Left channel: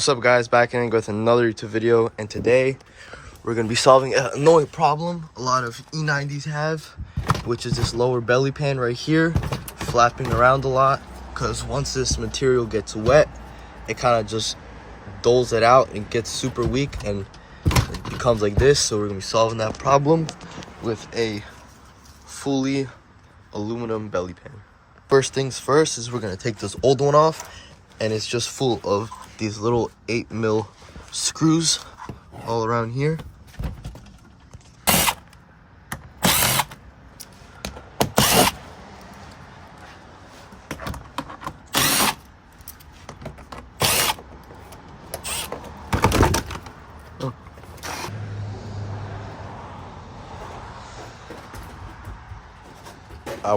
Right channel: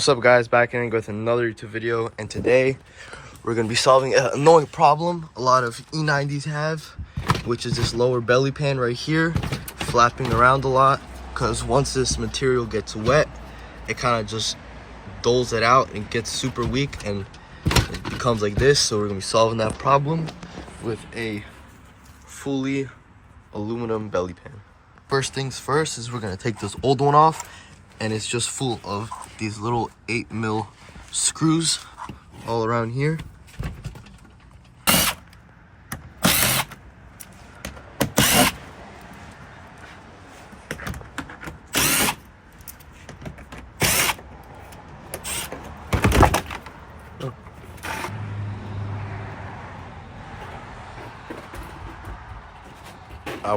What's up guys, back in with another YouTube video, and today we're going to be solving an annoying problem a lot of E90s have, which is this lower belly pan right here flapping around a lot, because once this material gets wet it kind of just doles it out and gets super weak and it becomes like this. So we're going to be solving that problem with a fully aluminum belly pan. First things first is we're going to take this old one off, and it's just full of these little 8mm screws all around here.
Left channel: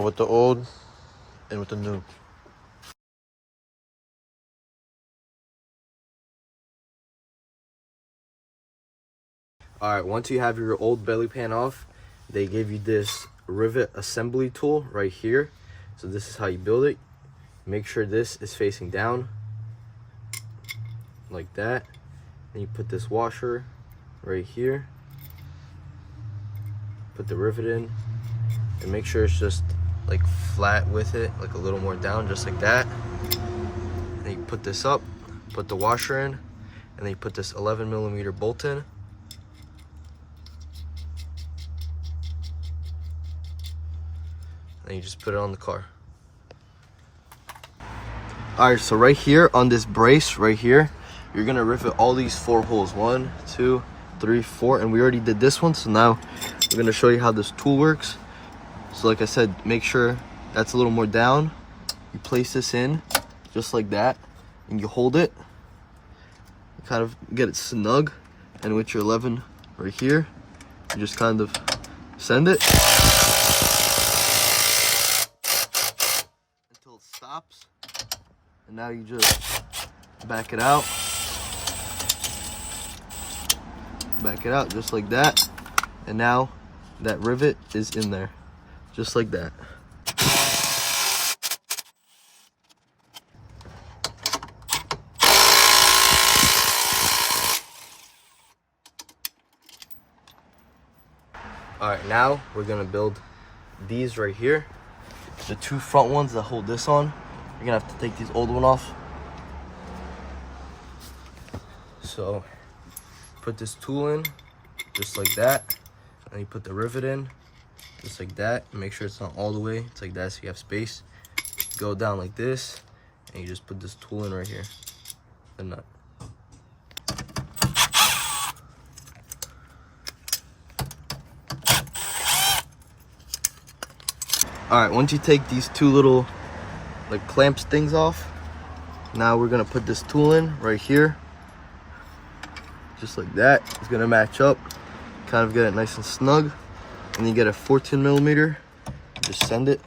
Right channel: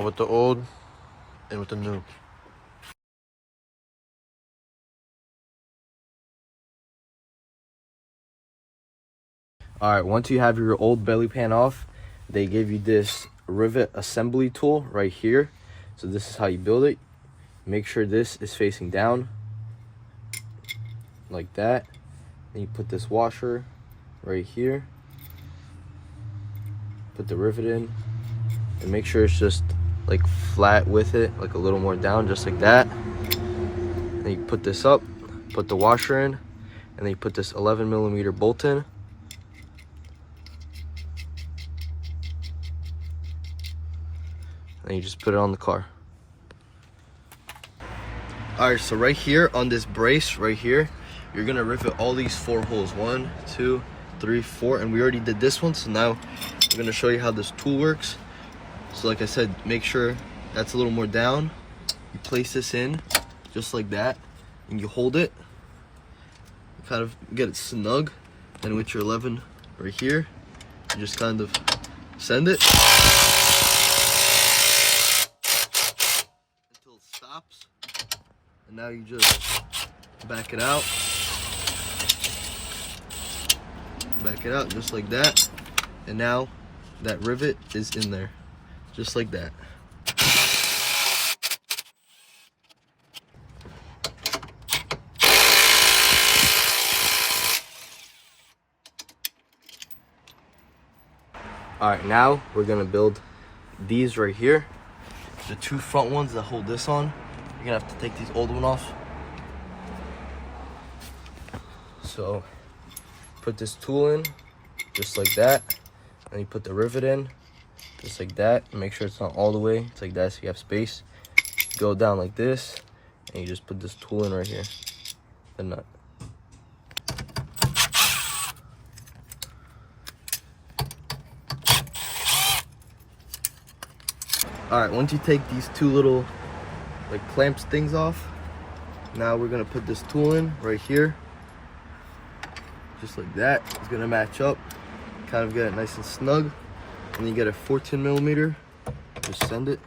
With the old and with the new. Alright, once you have your old belly pan off, they give you this rivet assembly tool right here. So this is how you build it. Make sure this is facing down like that. Then you put this washer right here. Put the rivet in and make sure it's just like flat with it, like a little more down, just like that. Then you put this up, put the washer in, and then you put this 11mm bolt in. And you just put it on the car. Alright, so right here on this brace right here, you're gonna rivet all these 4 holes. 1, 2, 3, 4, and we already did this one, so now we're gonna show you how this tool works. So like I said, make sure that's a little more down. You place this in just like that, and you hold it. You kind of get it snug, and with your 11 right here, you just kind of send it until it stops. And now you just back it out. Back it out just like that. And now that rivet is in there. Just like that. Alright, now we're gonna build these right here. The 2 front ones that hold this on. You're gonna have to take these old one off. So put this tool in just like that, and you put the rivet in just like that. Make sure it's not all the way, it's like that so you have space. Go down like this, and you just put this tool in right here, the nut. Alright, once you take these 2 little like clamps things off, now we're gonna put this tool in right here, just like that. It's gonna match up, kind of get it nice and snug. And you get a 14mm, just send it.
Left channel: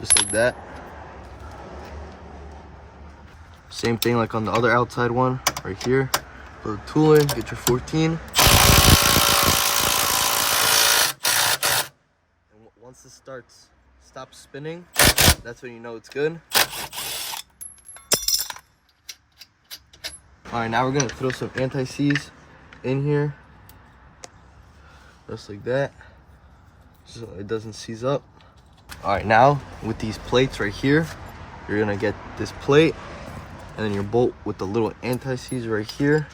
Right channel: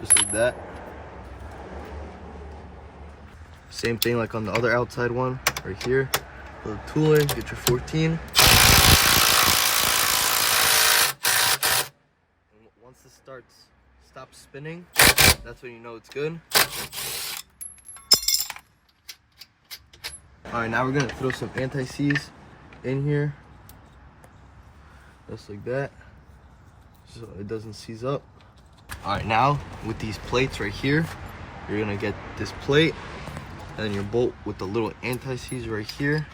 Just like that. Same thing like on the other outside one, right here. Put the tool in, get your 14. Once this stops spinning, that's when you know it's good. Alright, now we're gonna throw some anti-seize in here. Just like that. So it doesn't seize up. Alright, now with these plates right here, you're gonna get this plate and then your bolt with the little anti-seize right here.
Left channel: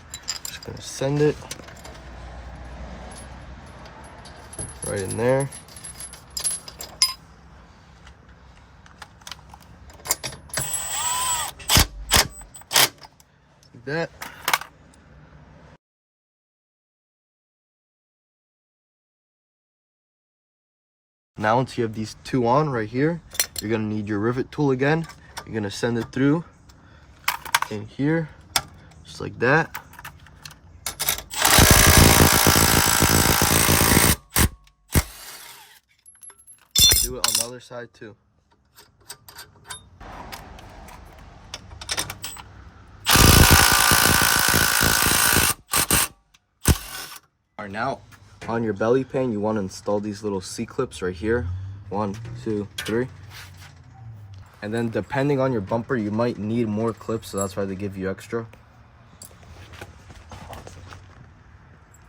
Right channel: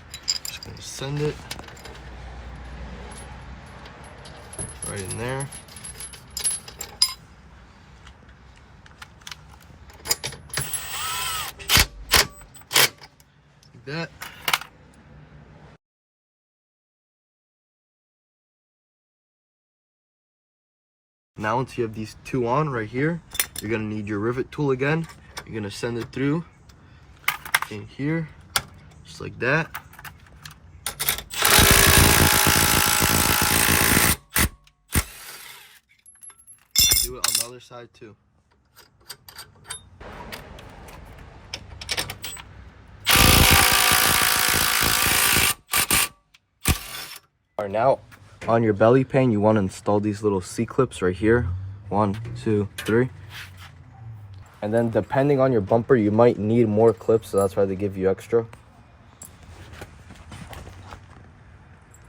Just gonna send it right in there. That. Now once you have these 2 on right here, you're gonna need your rivet tool again. You're gonna send it through in here, just like that. Do it on the other side too. All right, now on your belly pan, you want to install these little C-clips right here. 1, 2, 3. And then depending on your bumper, you might need more clips, so that's why they give you extra.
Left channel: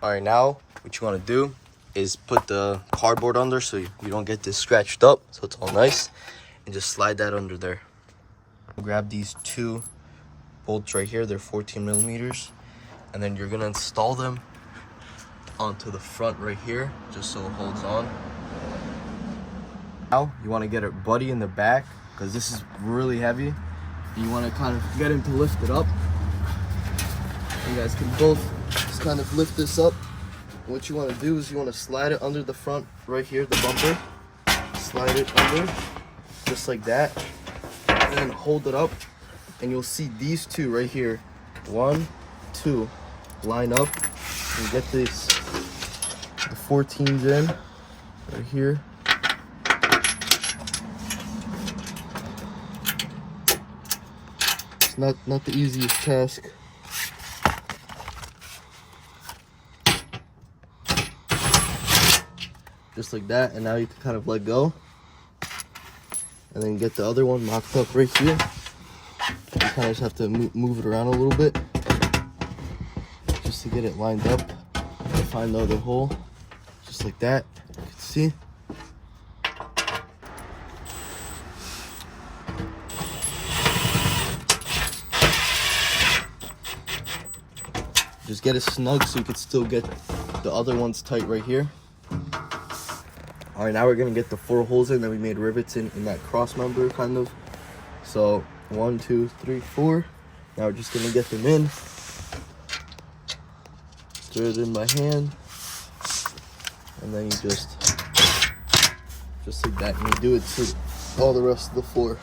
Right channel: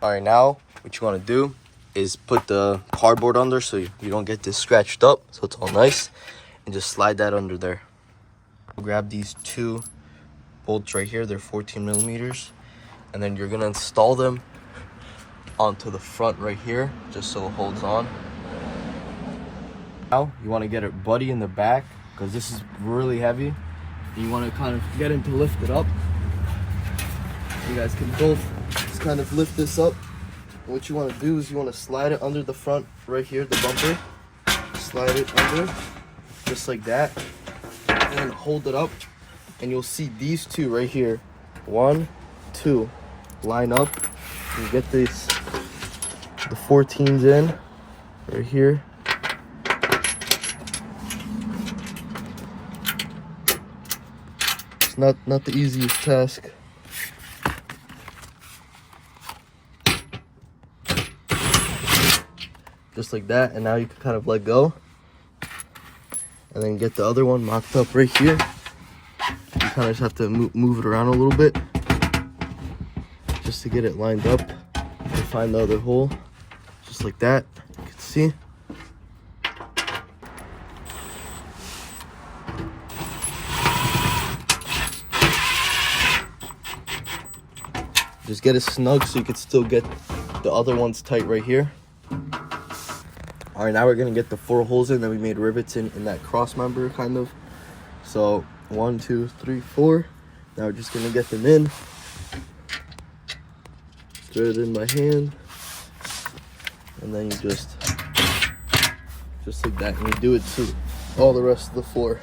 All right, now what you want to do is put the cardboard under so you don't get this scratched up, so it's all nice, and just slide that under there. Grab these 2 bolts right here, they're 14 millimeters, and then you're gonna install them onto the front right here, just so it holds on. Now you want to get it buddy in the back, because this is really heavy. You want to kind of get him to lift it up. You guys can both just kind of lift this up. What you want to do is you want to slide it under the front right here, the bumper. Slide it under, just like that. And then hold it up, and you'll see these 2 right here. 1, 2, line up. And get the 14s in right here. It's not the easiest task. Just like that, and now you can kind of let go, and then get the other one locked up right here. You kind of just have to move it around a little bit just to get it lined up and find the other hole, just like that. You can see. Just get it snug so you can still get the other ones tight right here. All right, now we're gonna get the 4 holes in that we made rivets in that cross member, kind of. So 1, 2, 3, 4. Now we're just gonna get them in. Throw it in by hand, and then you just like that, and you do it to all the rest of the floor.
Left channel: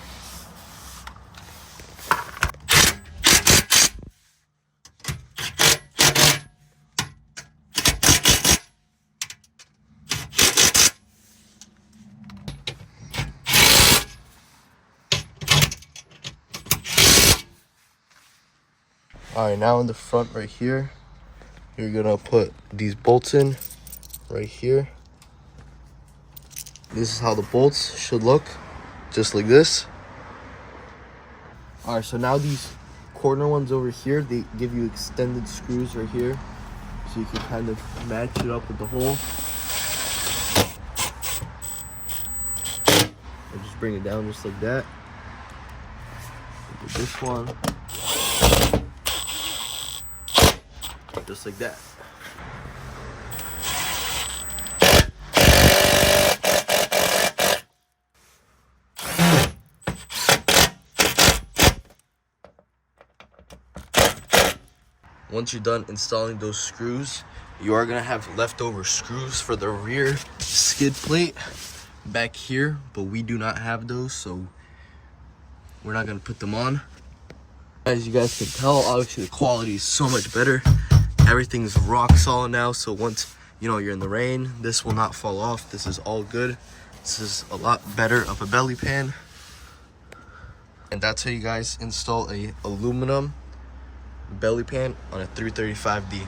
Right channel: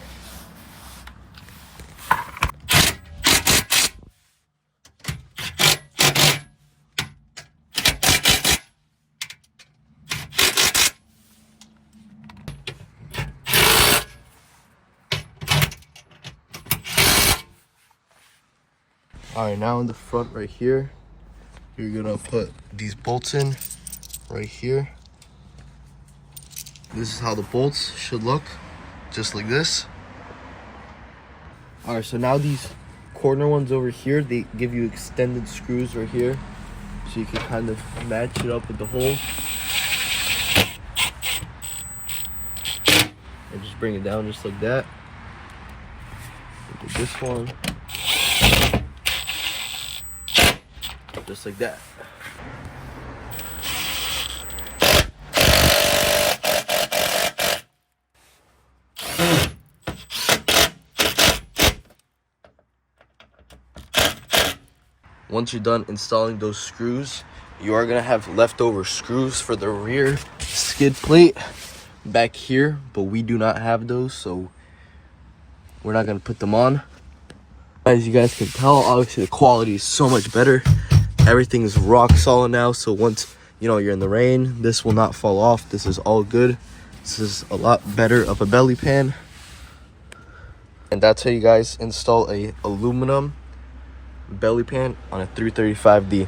All right, now in the front right here, you're gonna put these bolts in right here. This is how the bolts should look, just like this. All right, so now these corner ones over here, they give you extended screws right here, so you can kind of match it up with the hole. And just bring it down just like that. Look at this one. Just like that. Once you're done installing those screws, you are gonna have leftover screws for the rear skid plate back here, but we do not have those, so we're not gonna put them on. As you guys can tell, obviously the quality is so much better. Everything is rock solid now, so once you're in the rain, this will not fall off. This is all good. This is a lot better of a belly pan. And that's how you guys install a aluminum belly pan on a 335D.